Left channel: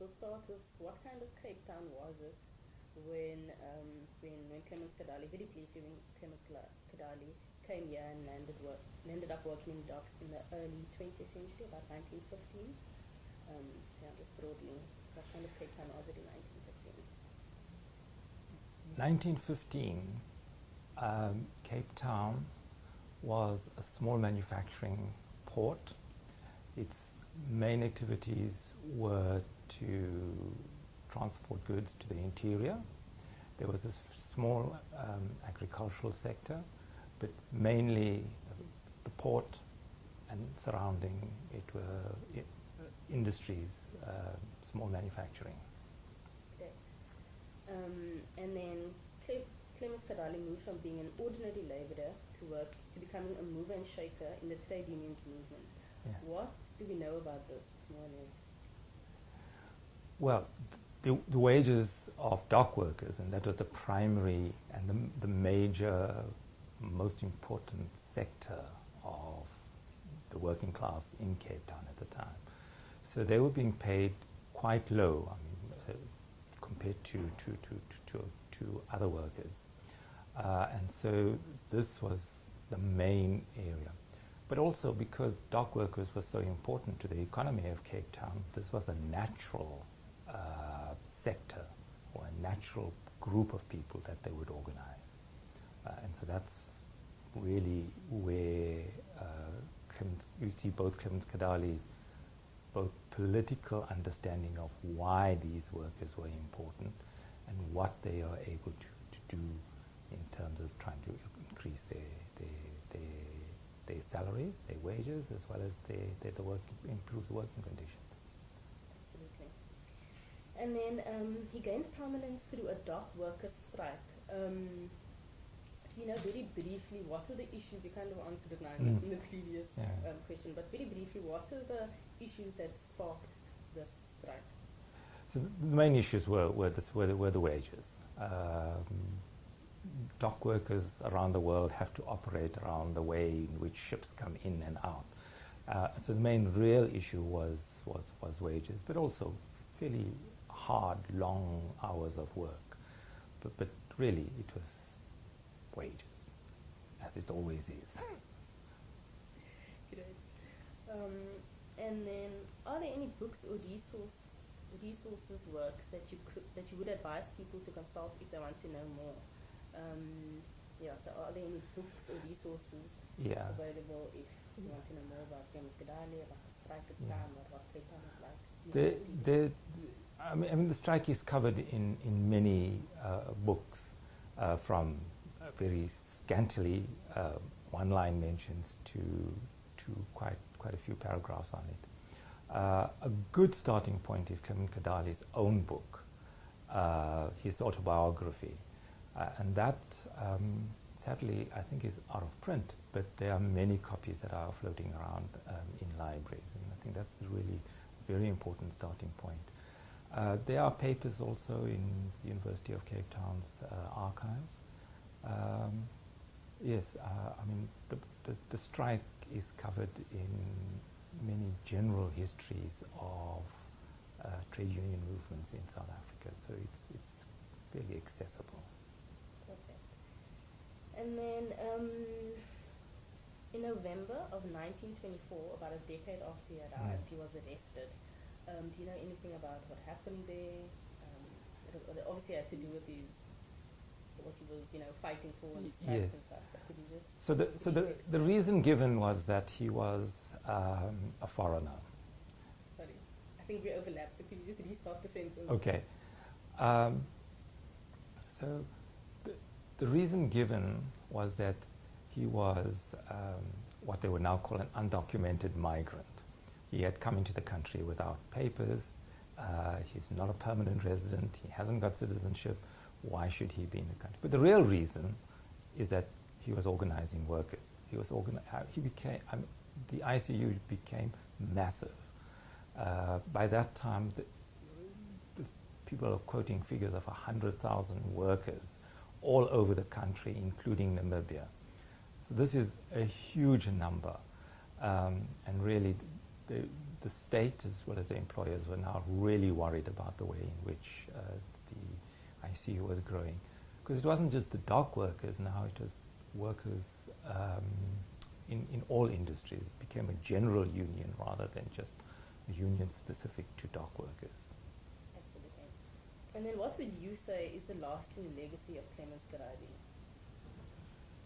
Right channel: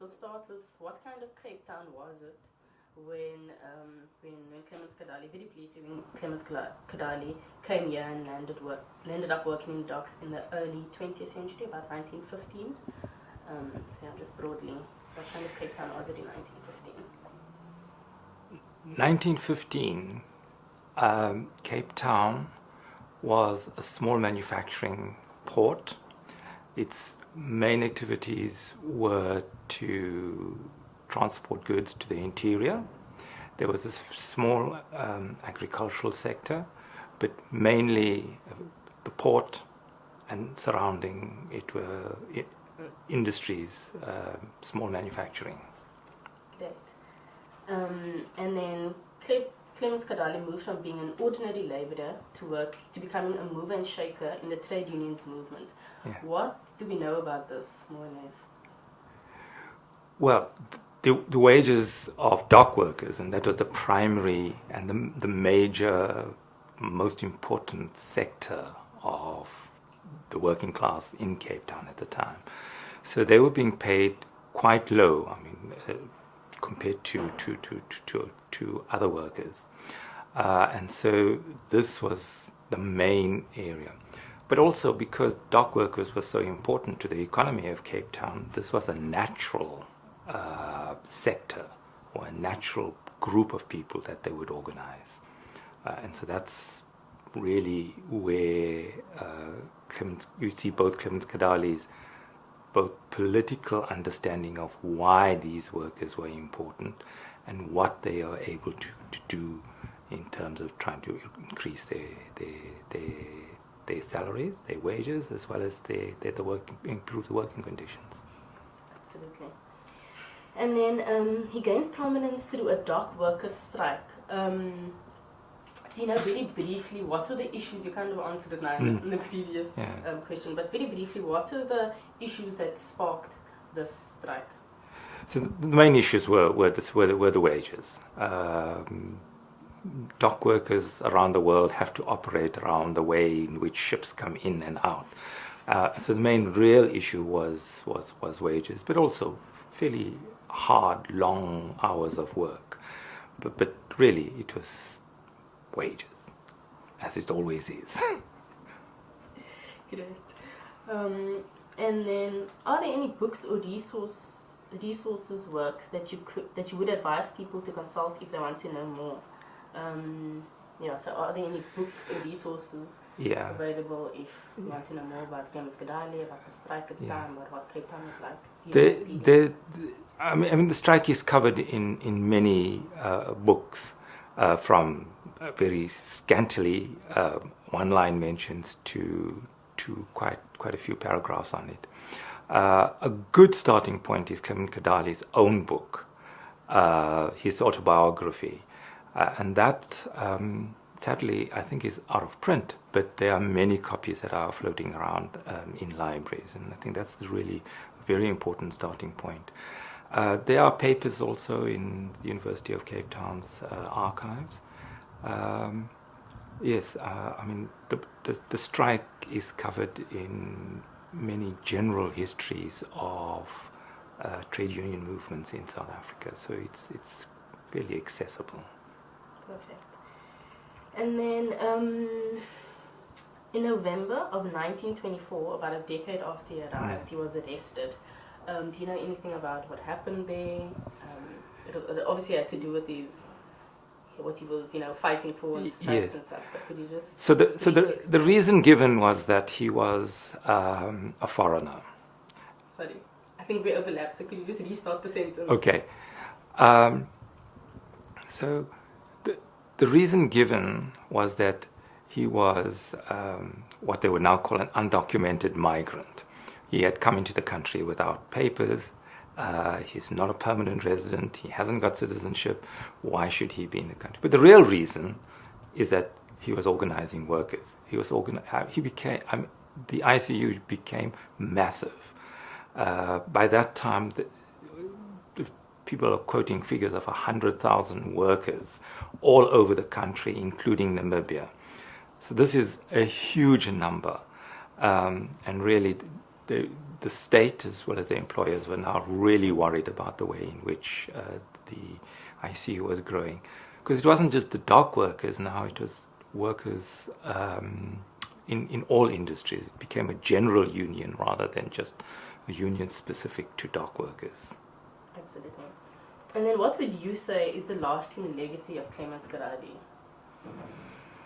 We'll start with what kind of Cape Town was it when Clemens Kadali, very briefly, when Clemens Kadali came here and landed up working in docks in the early 20th century, about 1915. So yeah, just broadly, what kind of Cape Town was it in 1915? 1915, Cape Town was a small manufacturing port. Its main activities were to transport goods to the interior. There was a small agricultural sector, but mainly the port and surrounding it were industries, small manufacturing. Great. And then Clemens Kadali moved from being an ordinary labourer to becoming a mover and shaker in the trade unions movement. Yeah. What do we know about this, more or less? Well, the wages of dock workers, and that was the primary and the major, most important sector of the working class in Cape Town at the time. So they were being paid quite low, I mean, compared to other workers. And so this was the main area. But also because dock workers were so important to the economy of Cape Town, this was a natural sector or a natural group of people that they would organize. And so that's really where you see both Clemens Kadali's both political understanding of why these workers were important and what they are able to do in terms of trying to increase their salaries, their wages, as well as improve the working conditions. Absolutely. And then he gained prominence through a dock workers' strike. Do you know very briefly what were the issues? You kind of answered it now in the previous question, but very briefly, what were the issues that sparked this strike? So the main issues were the wages. Dock workers around the world have to operate around the way in which ships come in and out. So the main real issue was wages, but also fairly hard, long hours of work. But really, it was wages, as it always is. Great. And then, are there any books or resources, works that you would advise people to consult if they want to know more? So are there any books or resources available if you want to know more about Clemens Kadali, about the strike at the time, or what Cape Town was like? I mean, the strike is covered in many books, from very scantily one-line mentions to quite a few paragraphs on it. A good starting point is Clemens Kadali's own book, his autobiography, and that sadly I think is out of print, but there are many copies that are floating around in libraries, and I think that's the really very important starting point. There are papers also in the University of Cape Town's archives. I mean, the strike is covered in many general histories of trade union movements in South Africa, so it's really accessible. Perfect. And then in November of 1924, about a decade after he arrived, he was arrested. Do you know anything about what happened there? It obviously had to do with what he was, fighting for and strikes and stuff. But could you just the reason given was that he was a foreigner. Sorry, I think we overlapped. So could you just restart the sentence? Okay. So the reason given was that he was what they would now call an undocumented migrant. He had come into the country without papers. He's not a permanent resident. He hasn't got citizenship. Why should he be in the country? But the real reason is that he was organizing workers. The ICU became massive. By that time, the people are quoting figures of 100,000 workers all over the country, including Namibia. So this is a huge number, and really the state as well as the employers were now really worried about the way in which the ICU was growing. Because it wasn't just the dock workers now, it was workers in all industries. It became a general union rather than just a union specific to dock workers. Absolutely. And then what would you say is the lasting legacy of Clemens Garadi?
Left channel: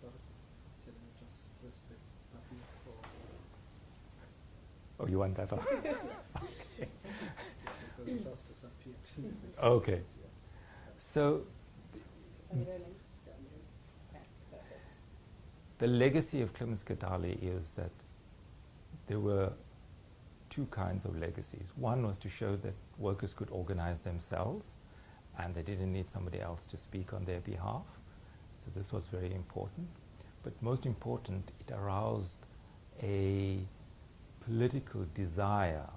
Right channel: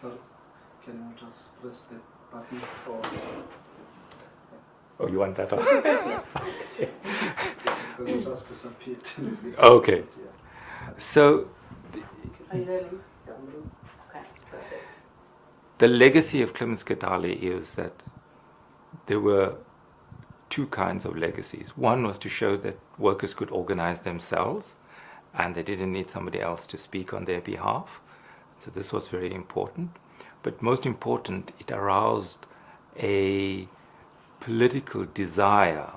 So, can you just press the button for... Oh, you want that one? Because it just disappeared. Okay. Yeah. So, Are you rolling? Okay, perfect. the legacy of Clemens Gadali is that there were two kinds of legacies. One was to show that workers could organize themselves and they didn't need somebody else to speak on their behalf. So this was very important. But most important, it aroused a political desire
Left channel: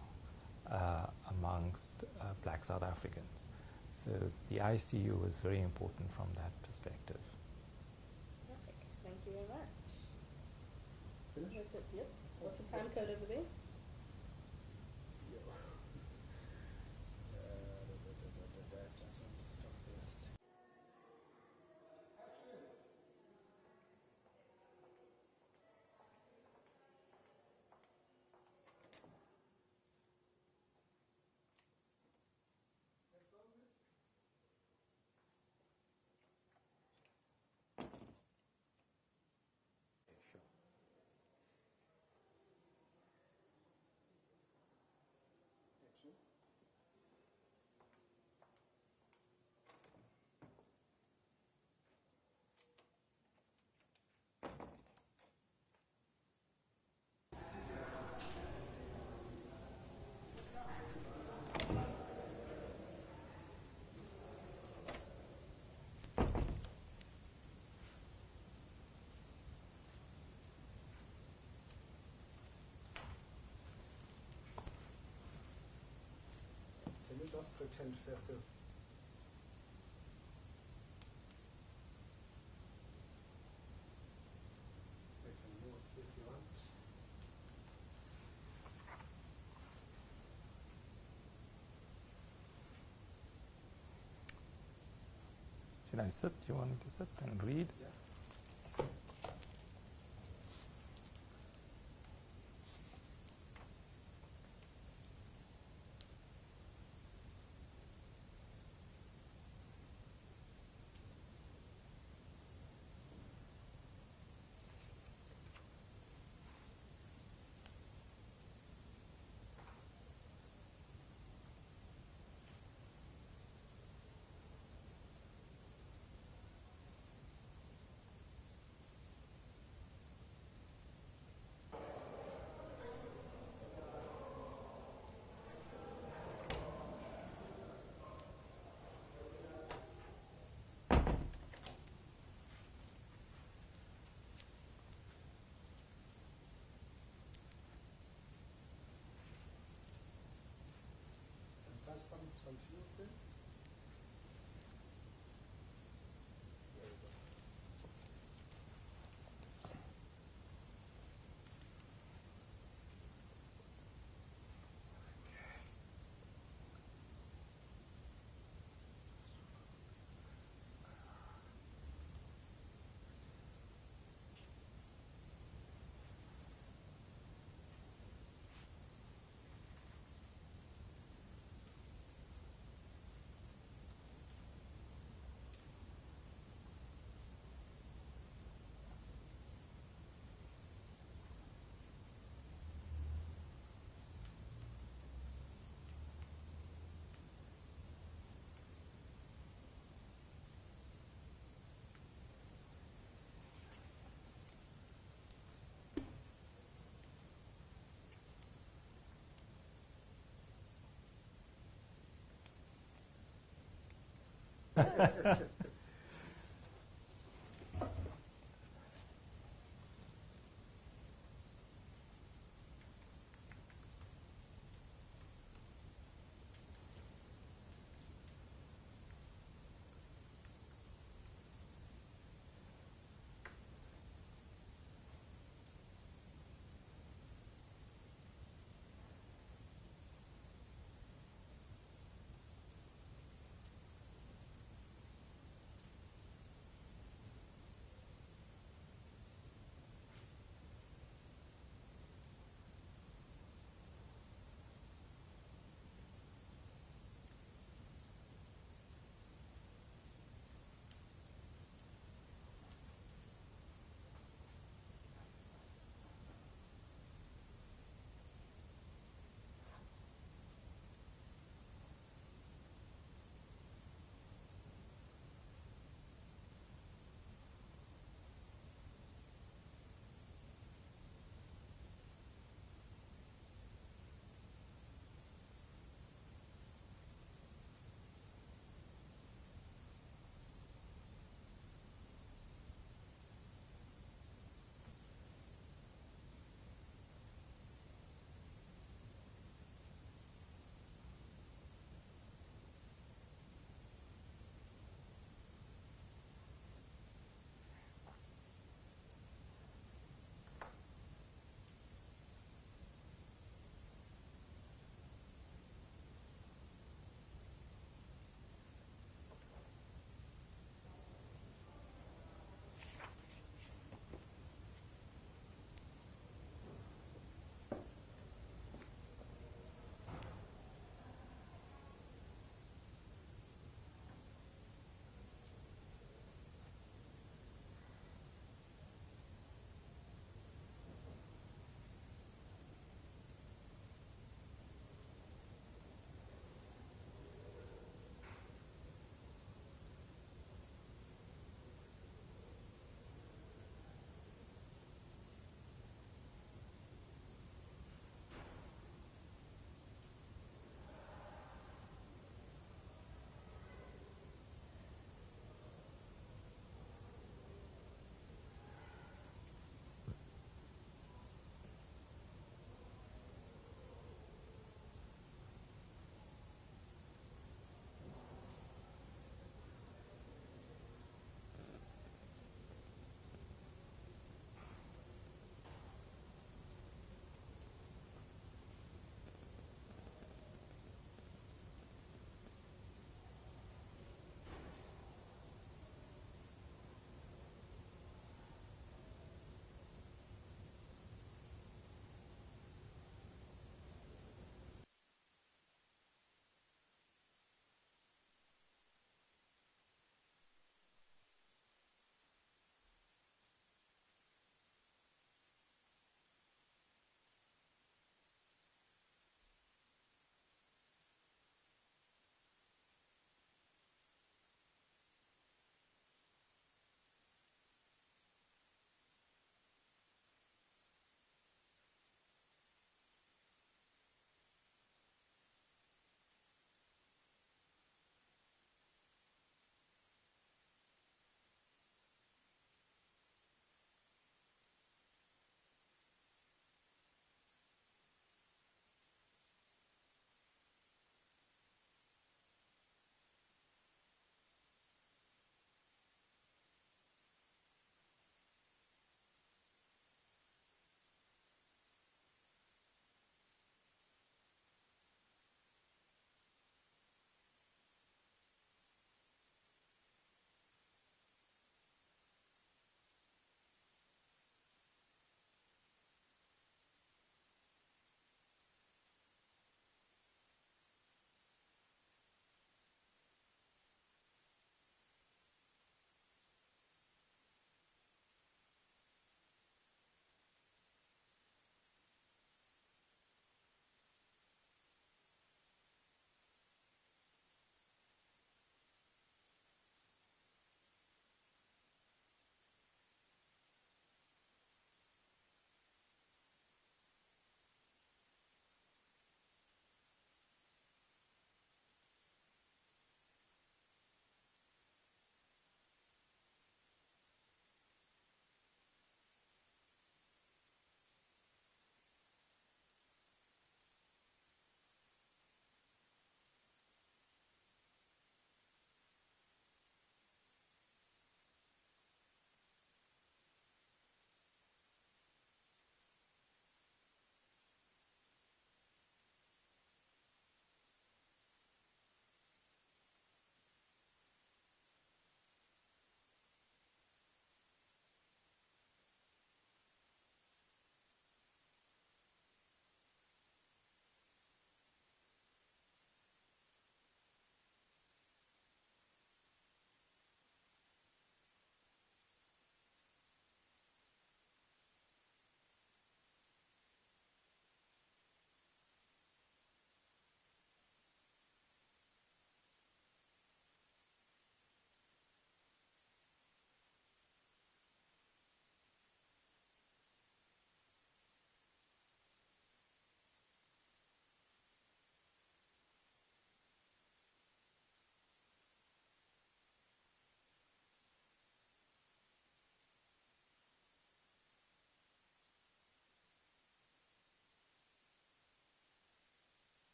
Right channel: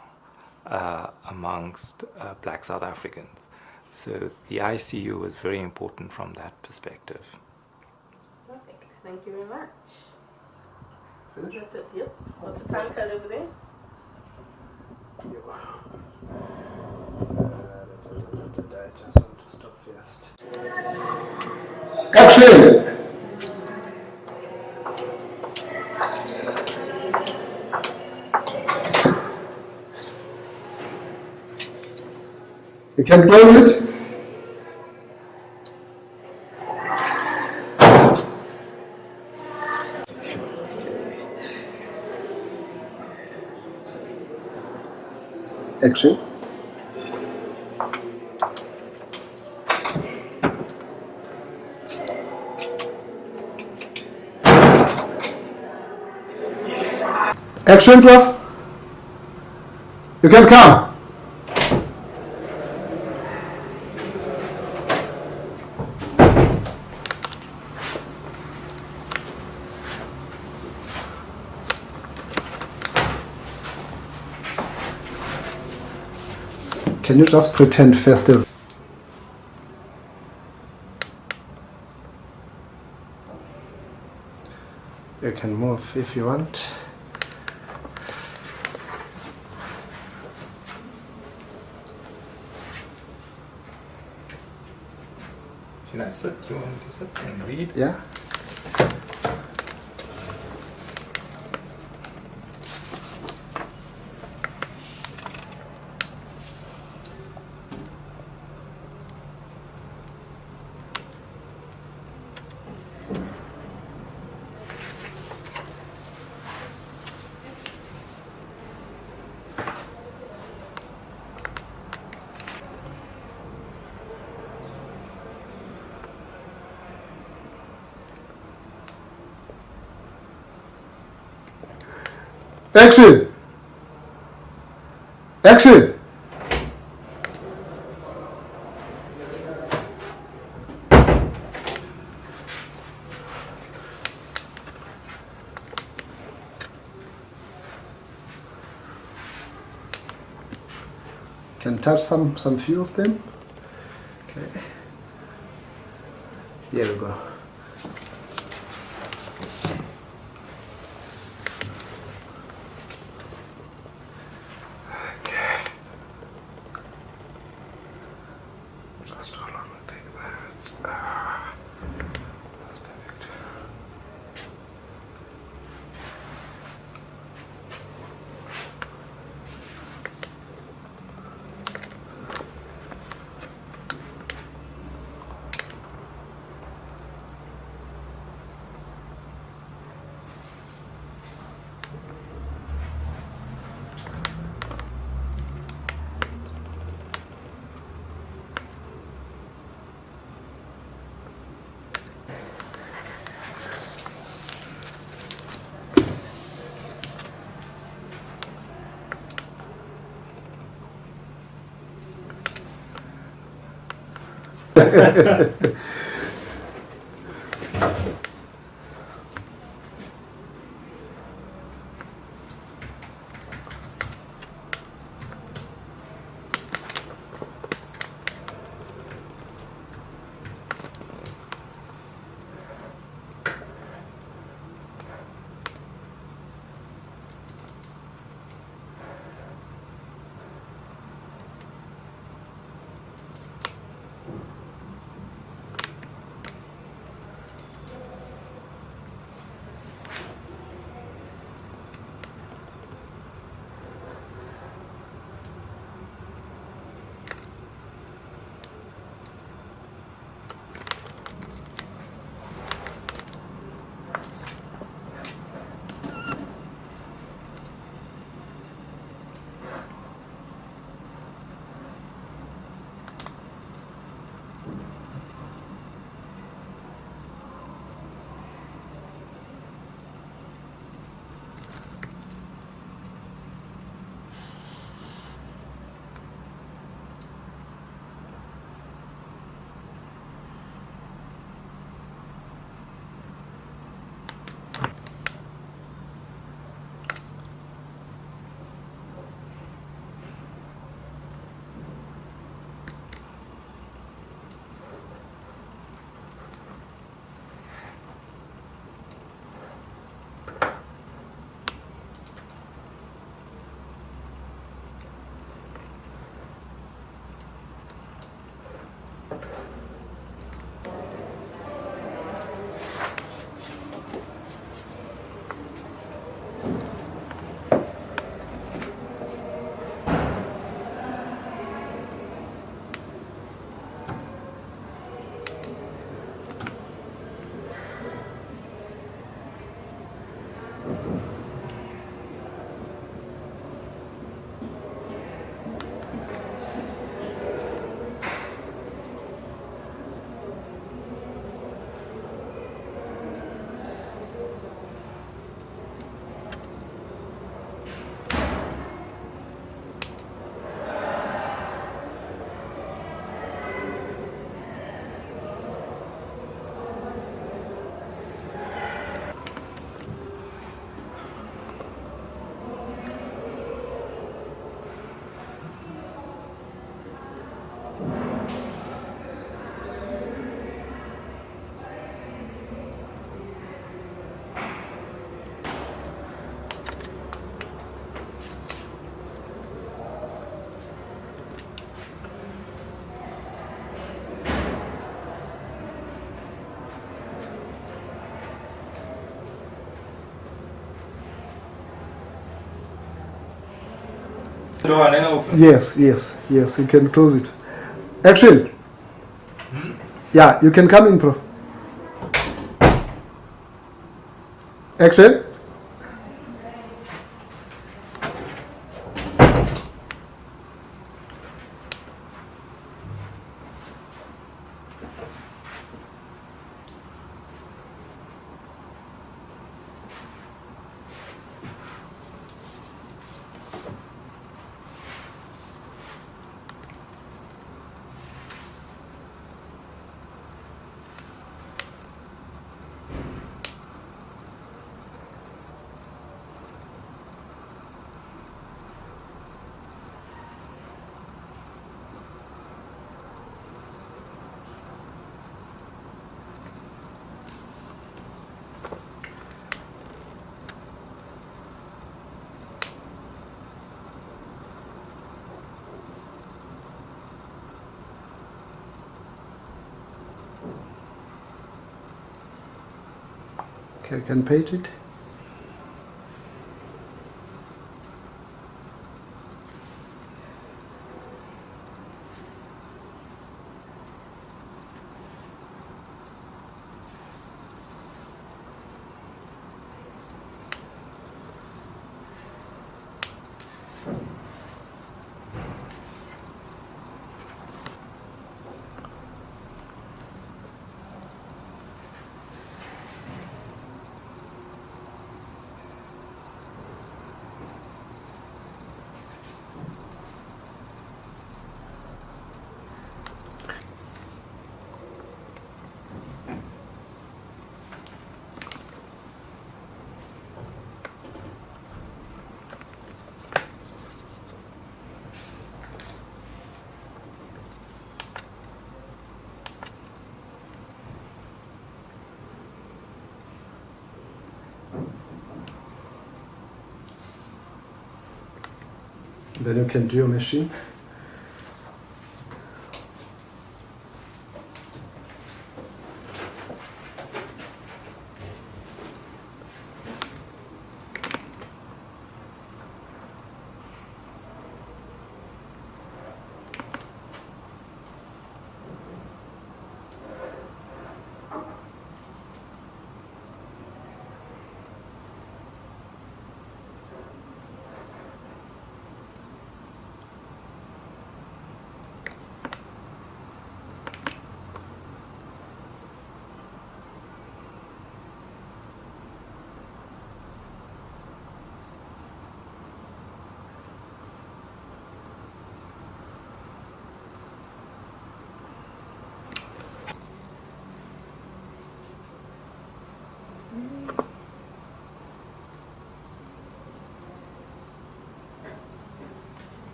amongst black South Africans. So the ICU was very important from that perspective. Perfect. Thank you very much. Finish? That's it. Yep. What's the time code over there? I just want to stop first. Action! You can close it. Action. Action, Prof. You can come. Can you just pretend fast as... You can move if you want. Can I sit? Do you want me to sit and read? Yeah? Action! Action! Can touch some few of them. Okay. Here we go. Just hold on and take that. That's perfect. door and then open. Yes, yes, yes. You can close it. Action. Yeah, you can come in, Prof. Action. Okay, you can paint it. Then you can do your machine.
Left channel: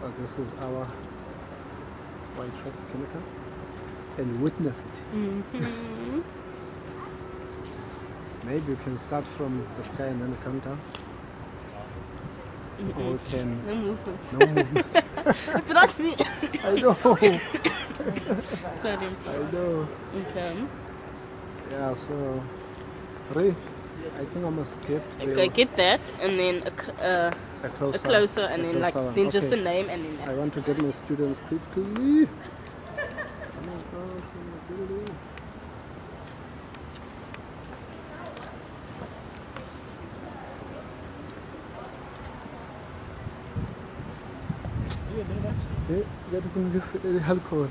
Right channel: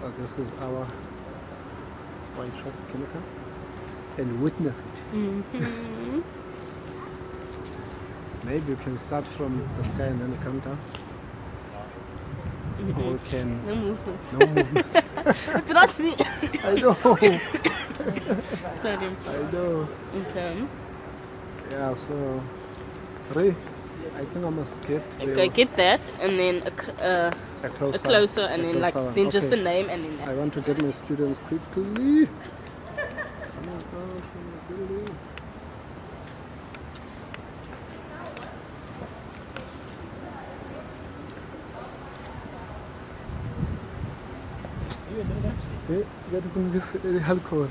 So this is our white shot chemical. and witness it. Mm-hmm. Maybe you can start from the sky and then come down. Mm-hmm. Or we can... No movement. No movement. It's not me. I know. Sorry. I know. Okay. Yeah, so... Ray, I think I must get Okay, get that, and then a closer, a closer, and then like one. then just Okay. the name, and then I want to get my students quickly. Oh my gosh, oh my goodness. Get to alcohol.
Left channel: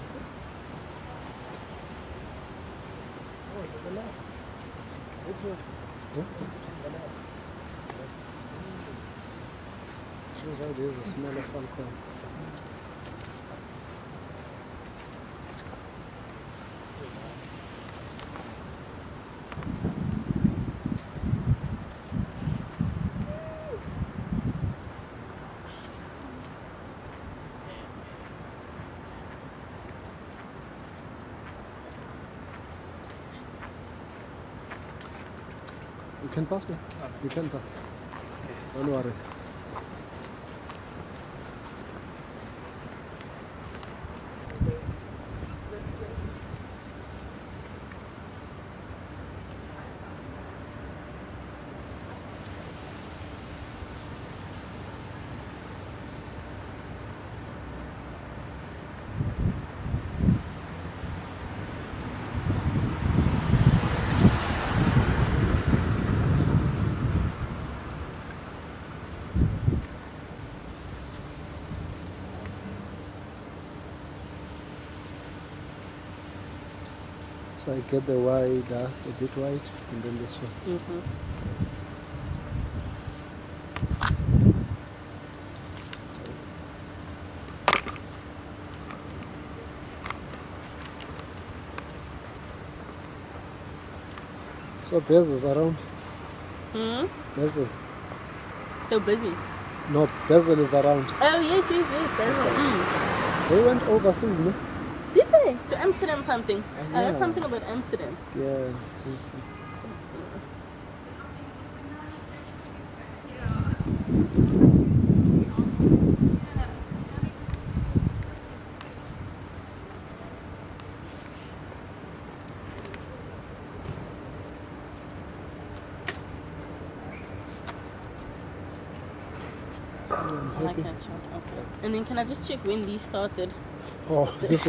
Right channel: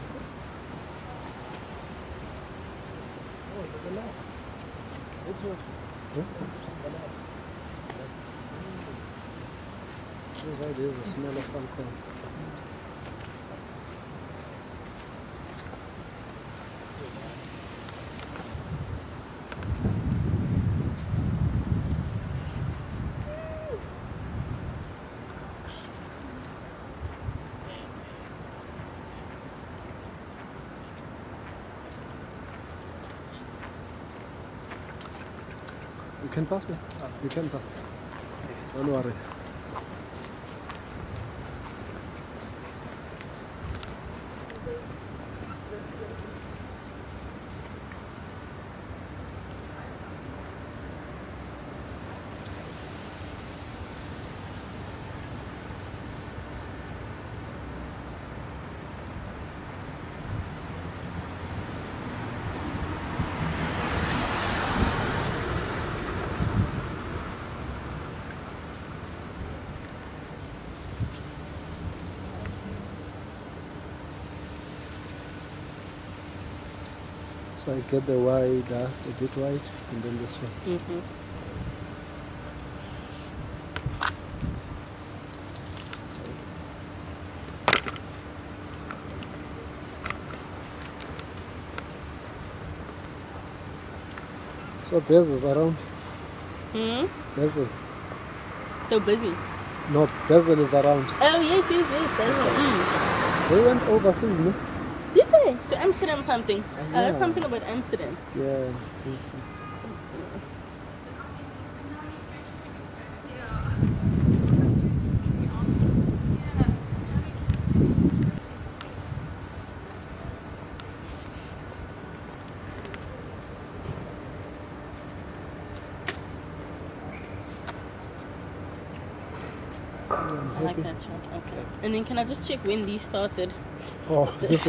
There's a smell of alcohol. You can pass it. You can pass. Don't worry. So I get the wide, a bit wide, and then this one. Mm-hmm. So Bez is around. Hmm? Bezel. So busy. No, Bezel is around. Oh yes. That's They went overseas, no? Did they? To Amsterdam something. I heard Yeah. something about Amsterdam. Yeah. I'm I like happy. that shot. Okay. And then can I just check when these started? Oh, this